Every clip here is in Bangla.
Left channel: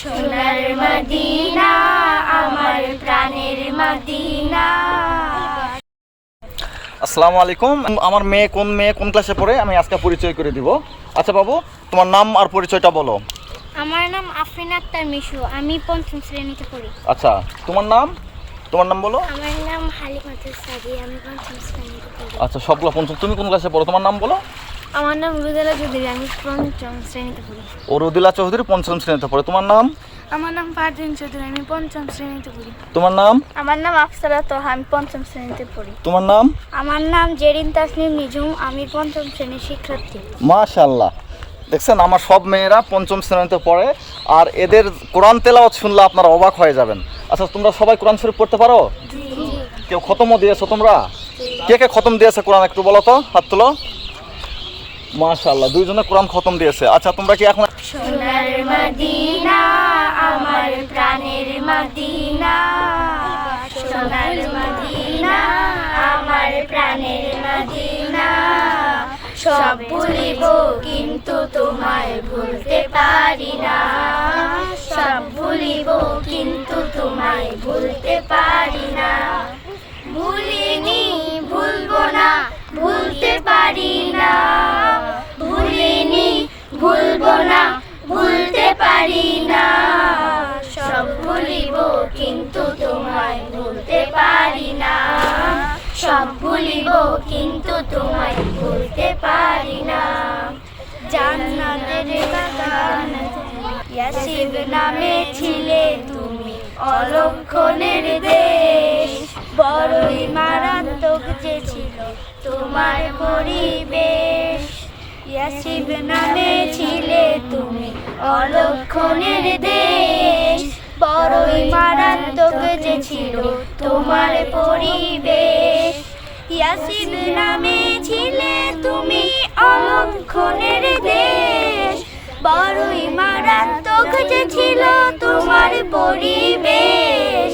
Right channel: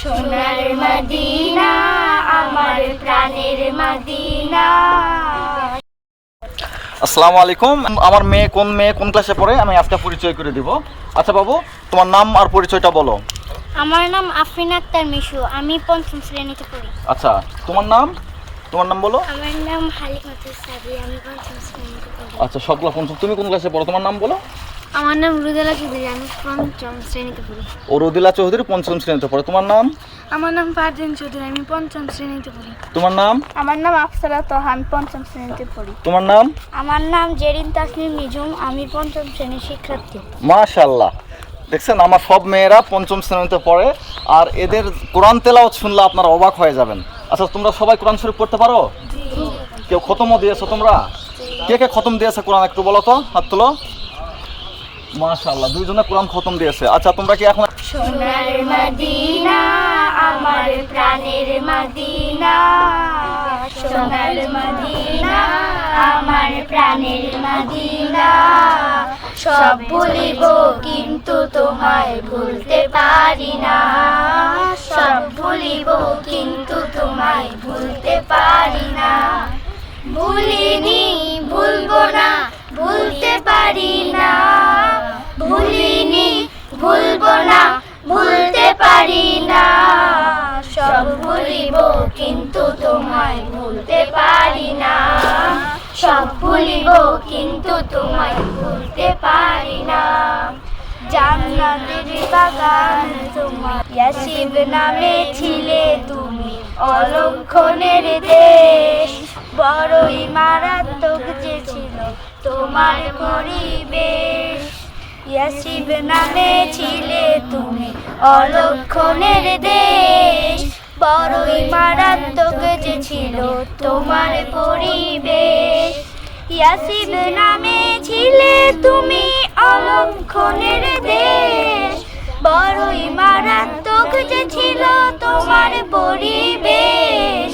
সোনার মদিনা আমার প্রাণের মদিনা। আসসালামু আলাইকুম। আমার মেয়ে কোন ক্লাসে পড়ে আমি আজকে পরিচয় করে দিব। আচ্ছা বাবু, তোমার নাম আর পরিচয়টা বলো। আমার নাম আফরিন আক্তার মিশু, আমি পঞ্চম শ্রেণীতে পড়ি। আচ্ছা, তোমার নাম বলো। আমার নাম হালিমাতুল সাদি, আমি পঞ্চম শ্রেণীতে পড়ি। আচ্ছা, সবগুলো পঞ্চম। তুমি কোন ক্লাসে পড়ো, তোমার নাম বলো। আমার নাম রুদেলা চৌধুরী, আমি পঞ্চম শ্রেণীতে পড়ি। ও রুদিলা চৌধুরী পঞ্চম শ্রেণীতে পড়ে। তোমার নাম? আমার নাম ফারদিন চৌধুরী, আমি পঞ্চম শ্রেণীতে পড়ি। তোমার নাম? আমার নাম আফসারা তোহা, আমি পঞ্চম শ্রেণীতে পড়ি। তোমার নাম? আমার নাম জেরিন তাসনিম নিঝুম, আমি পঞ্চম শ্রেণীর শিক্ষার্থী। মাশাআল্লাহ, দেখছেন আমার সব মেয়েরা পঞ্চম শ্রেণীতে পড়ে। আর এদের কোরআন তেলাওয়াত শুনলে আপনারা অবাক হয়ে যাবেন। আচ্ছা, তোমরা সবাই কোরআন শরীফ পড়তে পারো? কেউ খতমও দিয়েছো তোমরা? কে কে খতম দিয়েছে কোরআন একটু বলো তো, হাত তোলো। মাশাআল্লাহ, দুইজনে কোরআন খতম দিয়েছে। আচ্ছা, তোমরা কি এখন সোনার মদিনা আমার প্রাণের মদিনা, সোনার মদিনা আমার প্রাণের মদিনা। সব ভুলিব কিন্তু তোমায় ভুলতে পারি না, সব ভুলিব কিন্তু তোমায় ভুলতে পারি না। ভুলিনি ভুলবো না, ভুলতে পারি না। ভুলিনি ভুলবো না, ভুলতে পারি না। সব ভুলিব কিন্তু তোমায় ভুলতে পারি না, সব ভুলিব কিন্তু তোমায় ভুলতে পারি না। জান্নাতের বাগান তোমার, ইয়াসিব নামে ছিলে তুমি, অলক্ষণের দেশ। বড়ই মারাত্মক যে ছিল তোমার পরিবেশ। ইয়াসিব নামে ছিলে তুমি, অলক্ষণের দেশ। বড়ই মারাত্মক যে ছিল তোমার পরিবেশ। ইয়াসিব নামে ছিলে তুমি, অলক্ষণের দেশ। বড়ই মারাত্মক যে ছিল তোমার পরিবেশ।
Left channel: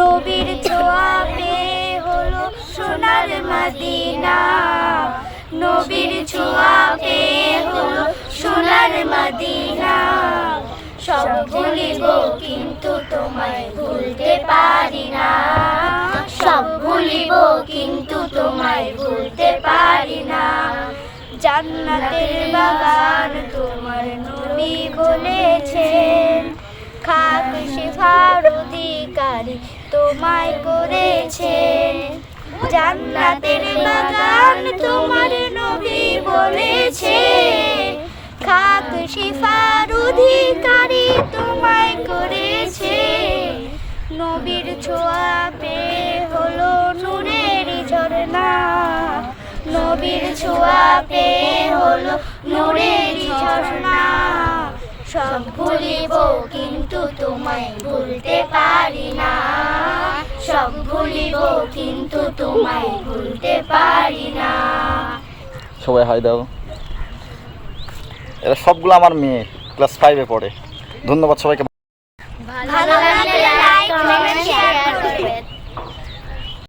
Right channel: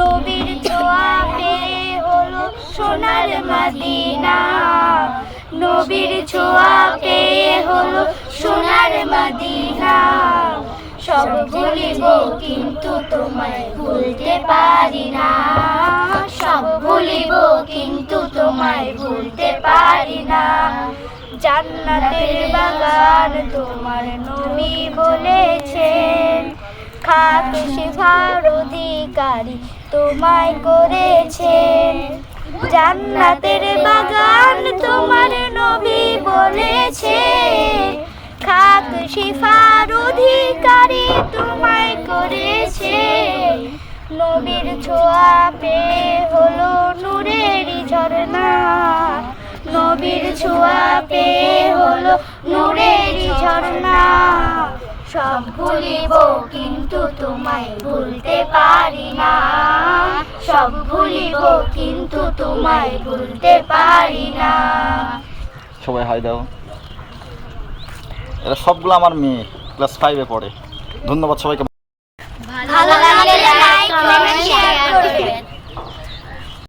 নবীর ছোঁয়া পেয়ে হলো সোনার মদিনা, নবীর ছোঁয়া পেয়ে হলো সোনার মদিনা। সব ভুলিব কিন্তু তোমায় ভুলতে পারি না, সব ভুলিব কিন্তু তোমায় ভুলতে পারি না। জান্নাতের বাগান তোমার নবী বলেছেন, খাক সেফার অধিকারী তোমায় করেছেন। জান্নাতের বাগান তোমার নবী বলেছেন, খাক শিফার অধিকারী তোমায় করেছে। নবীর ছোঁয়া পেয়ে হলো নূরেরই ঝরনা, নবীর ছোঁয়া পেয়ে হলো নূরেরই ঝরনা। সব ভুলিব কিন্তু তোমায় ভুলতে পারি না, সব ভুলিব কিন্তু তোমায় ভুলতে পারি না। সবাই হাই দাও। এরা সবগুলো আমার মেয়ে, ক্লাস 5-এ পড়ে। ধন্যবাদ সবাইকে।